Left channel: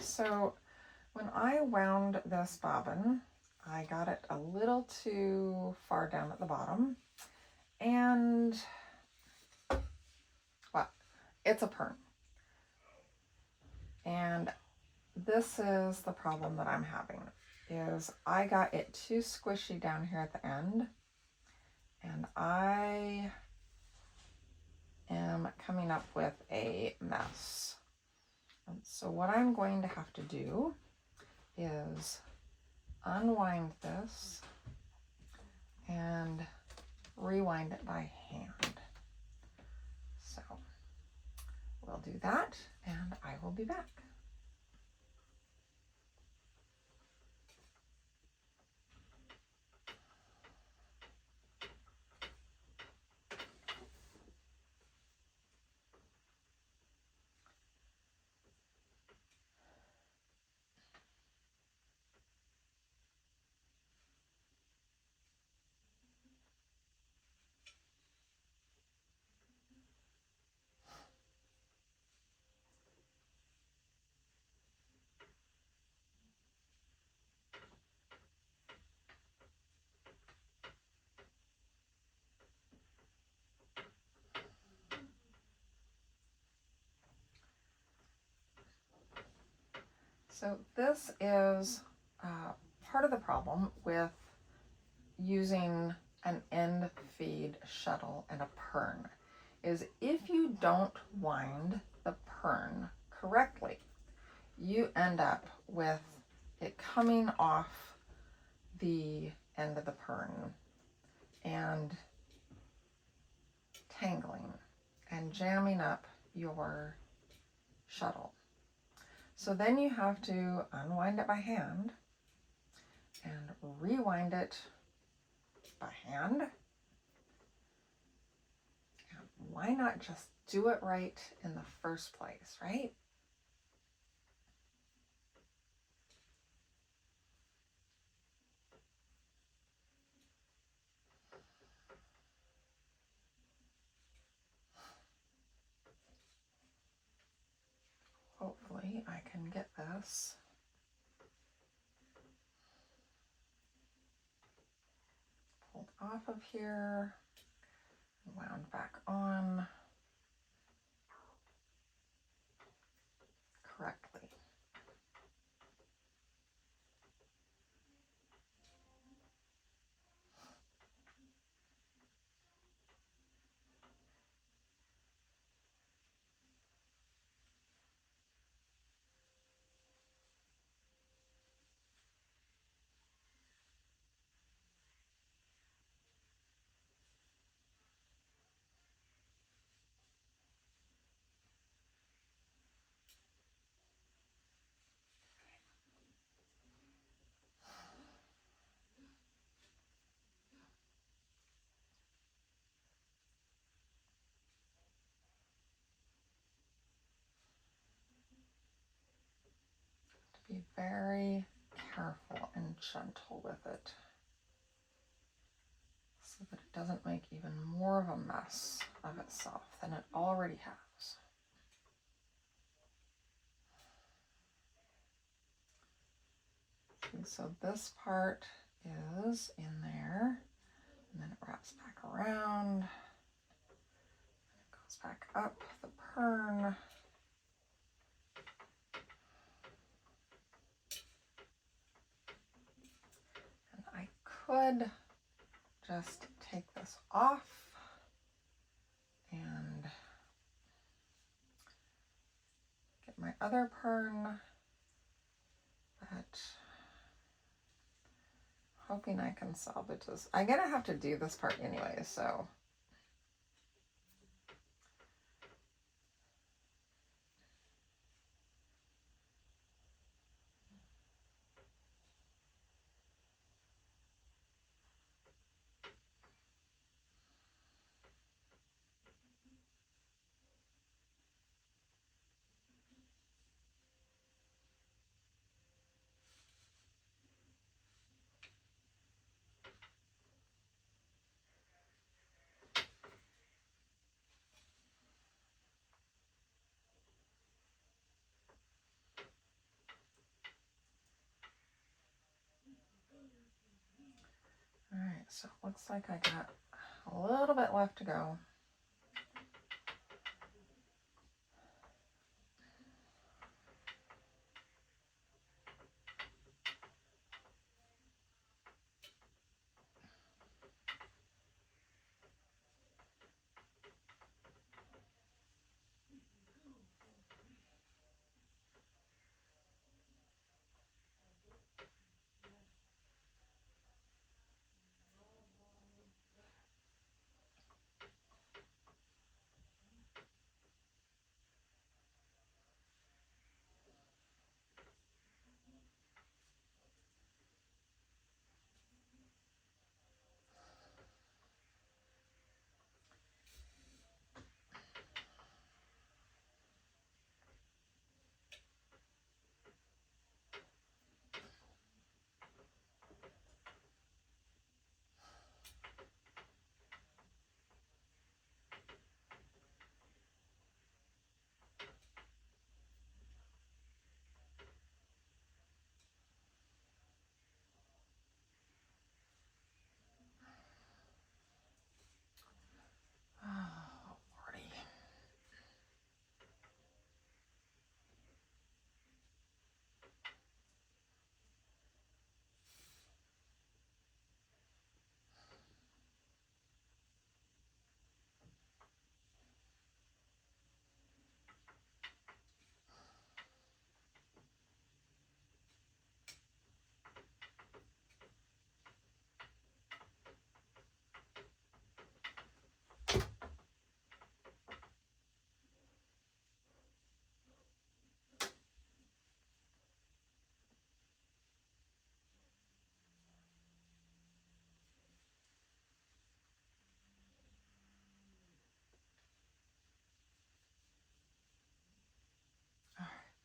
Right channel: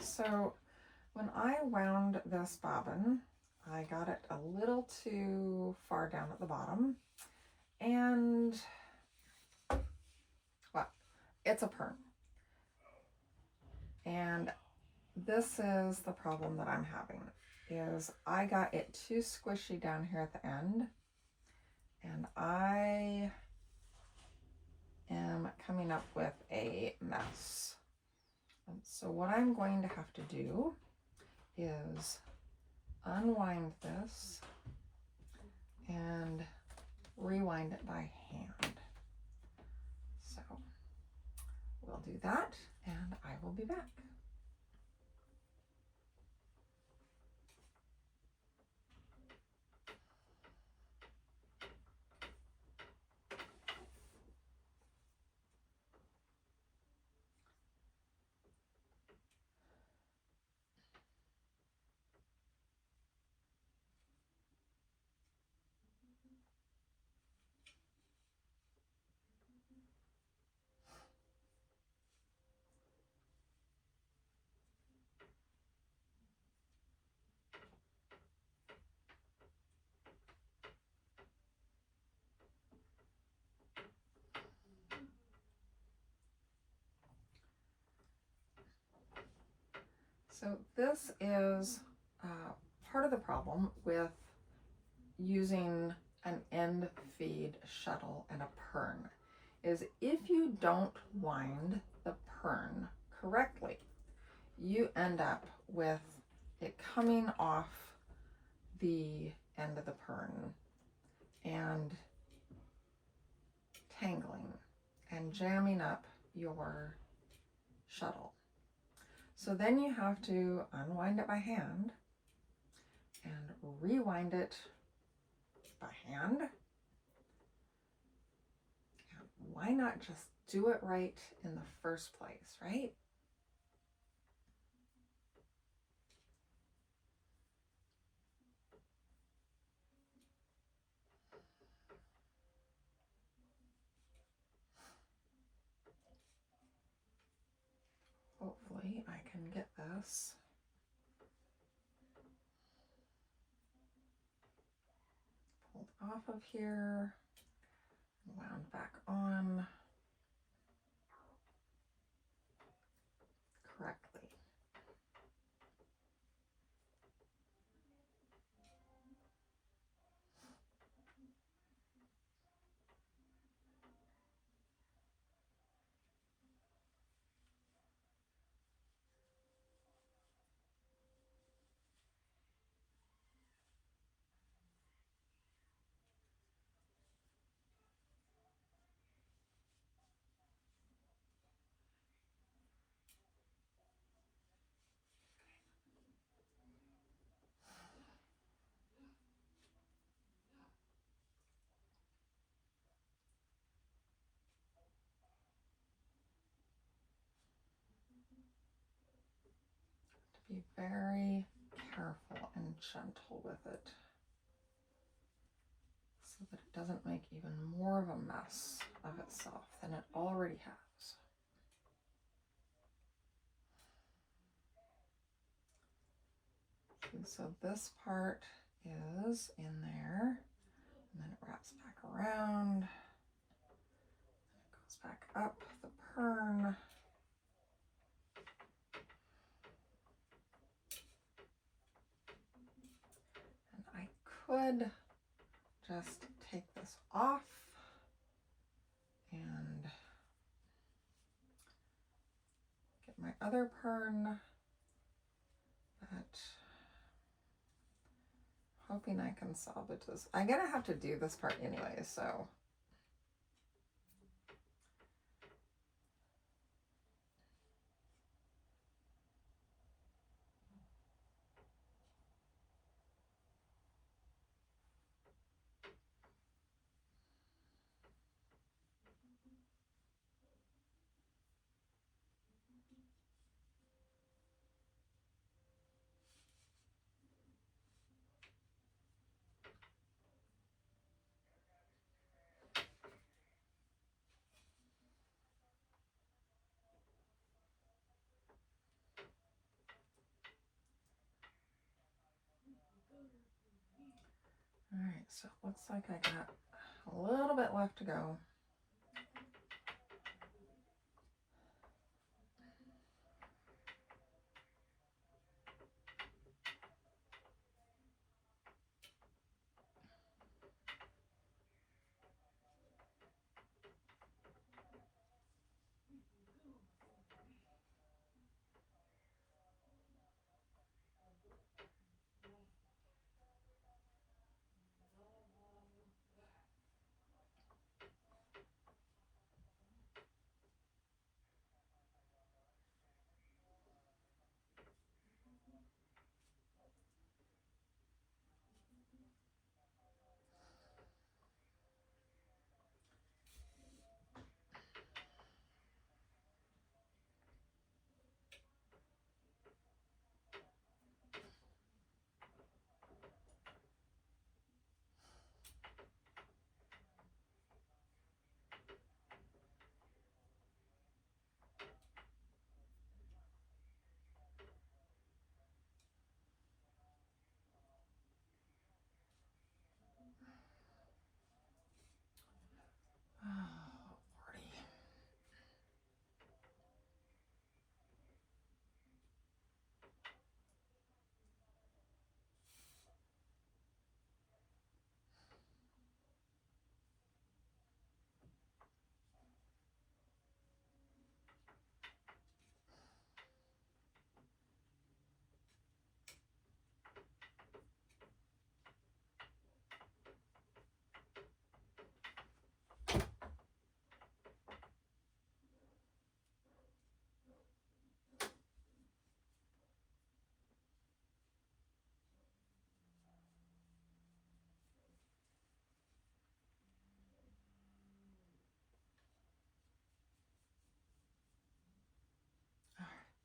So when I wound this bobbin, I got it a little too far down at the bottom, and well, it's a Pirn. And this is the problem that I'm having, is I got it too squishy down here at the end, and I am coming up with a mess. And so what I'm going to have to do is unwind this and rewind it by hand. So we'll do that, and I will be back. So this is part of the problem with using an end feed shuttle and a Pirn, is if you don't wind the Pirn correctly, you end up with it coming off the end of the Pirn and tangling and jamming up your shuttle. So then you have to unwind it by hand and rewind it by hand. And why not just do it right in the first place, right? Hopefully I can get this pulled off of here, wound back on correctly. Be very careful and gentle with it so that it doesn't make even more of a mess of itself than it already has. Okay, so this part is in there, and then it wraps back around, and it goes back up the Pirn. I could just take this off and get my other Pirn, but hoping I can salvage this. I'm gonna have to do this part anyway, so So it looks like I got a little bit left to go. Oh, Lordy.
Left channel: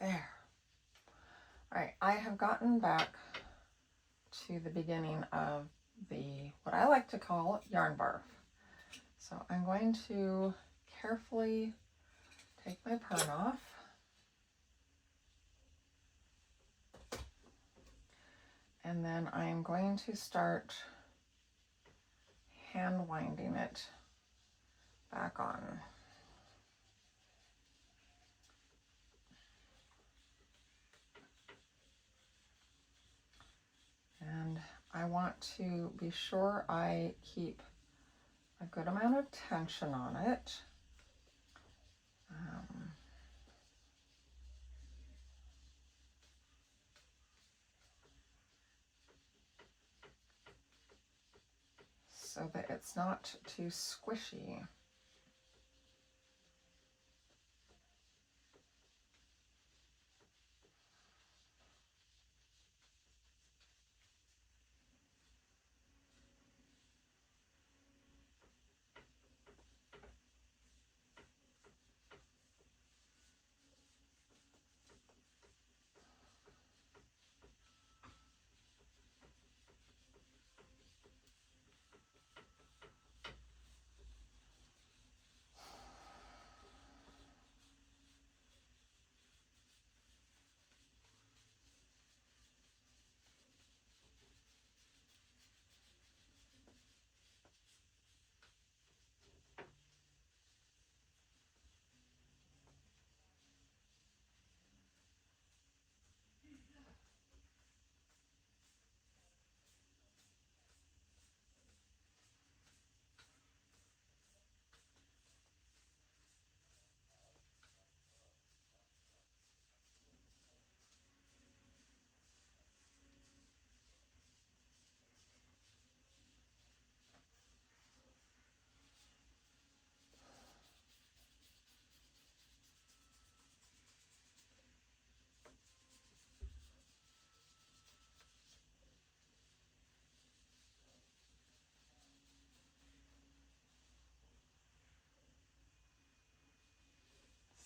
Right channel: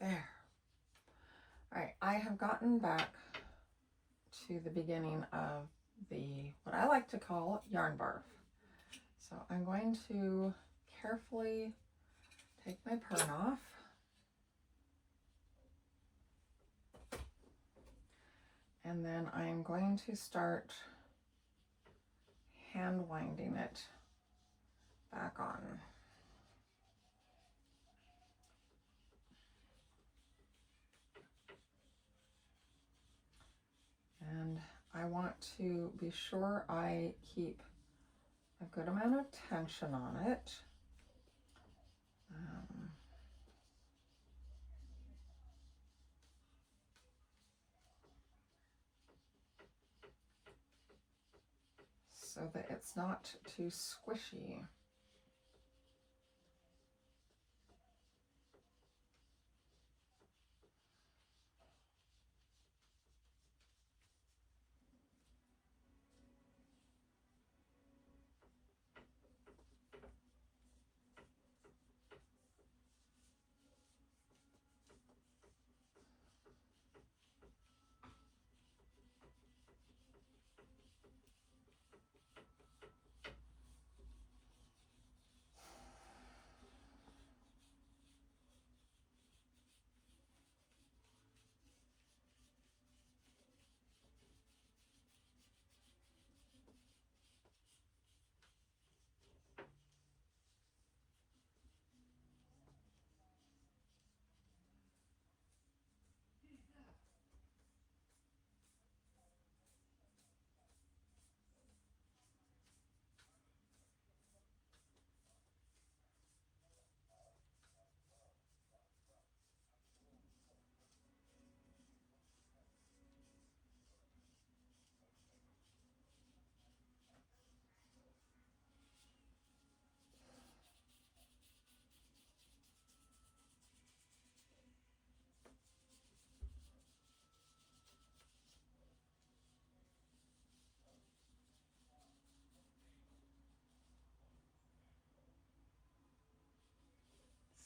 There. All right, I have gotten back to the beginning of what I like to call yarn barf. So I'm going to carefully take my Pirn off. And then I'm going to start hand winding it back on. And I want to be sure I keep a good amount of tension on it. So that it's not too squishy.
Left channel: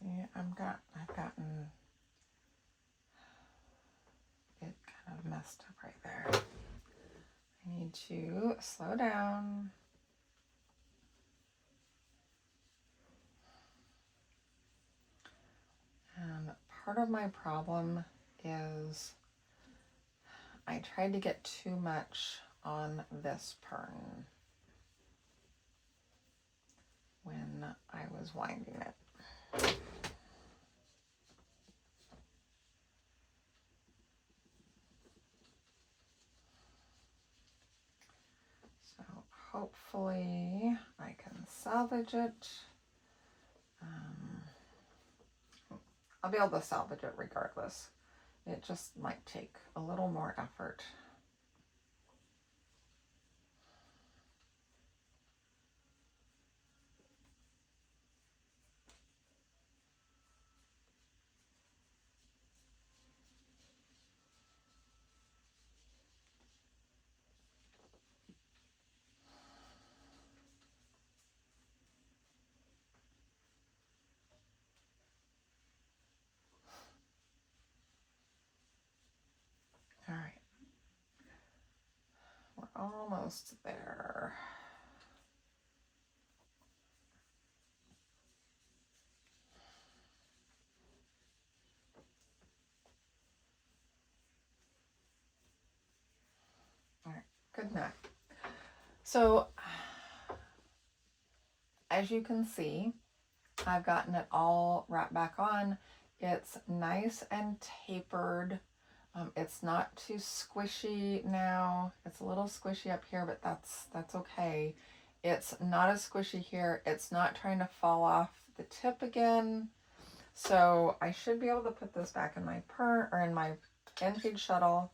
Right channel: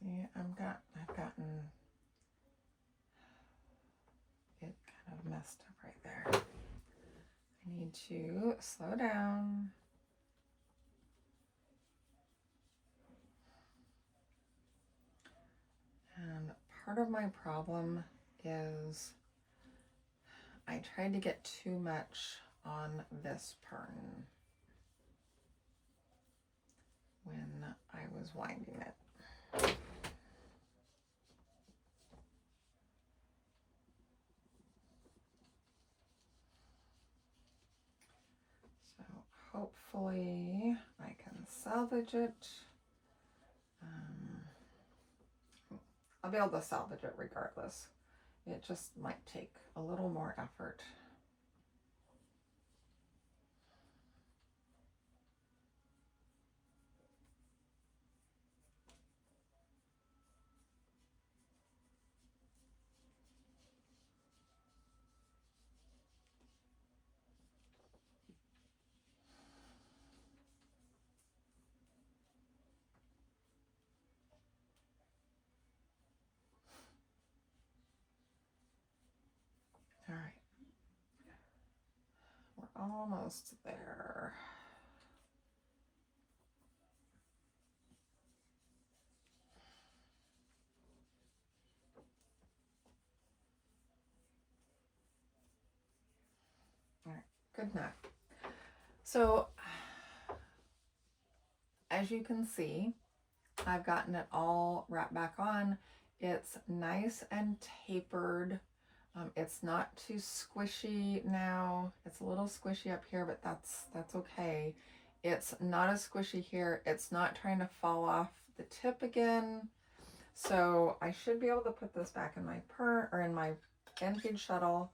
See, I've gotten it kind of messed up right there. I need to slow down. And part of my problem is I tried to get too much on this Pirn when I was winding it. So hopefully I can salvage it. I'll be able to salvage it regardless. It just might take a little more effort. All right, we're almost there. All right, good enough. So as you can see, I've gotten it all wrapped back on. It's nice and tapered. It's not too squishy now. It's a little squishy up here, but that's okay. It's not as squishy here. It's not trying to fall off the tip again. So I should be able to put this back in my Pirn or in my end-feed shuttle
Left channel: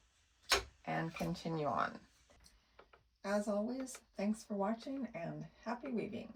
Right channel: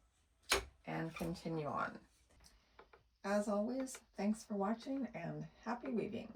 and continue on. As always, thanks for watching and happy weaving.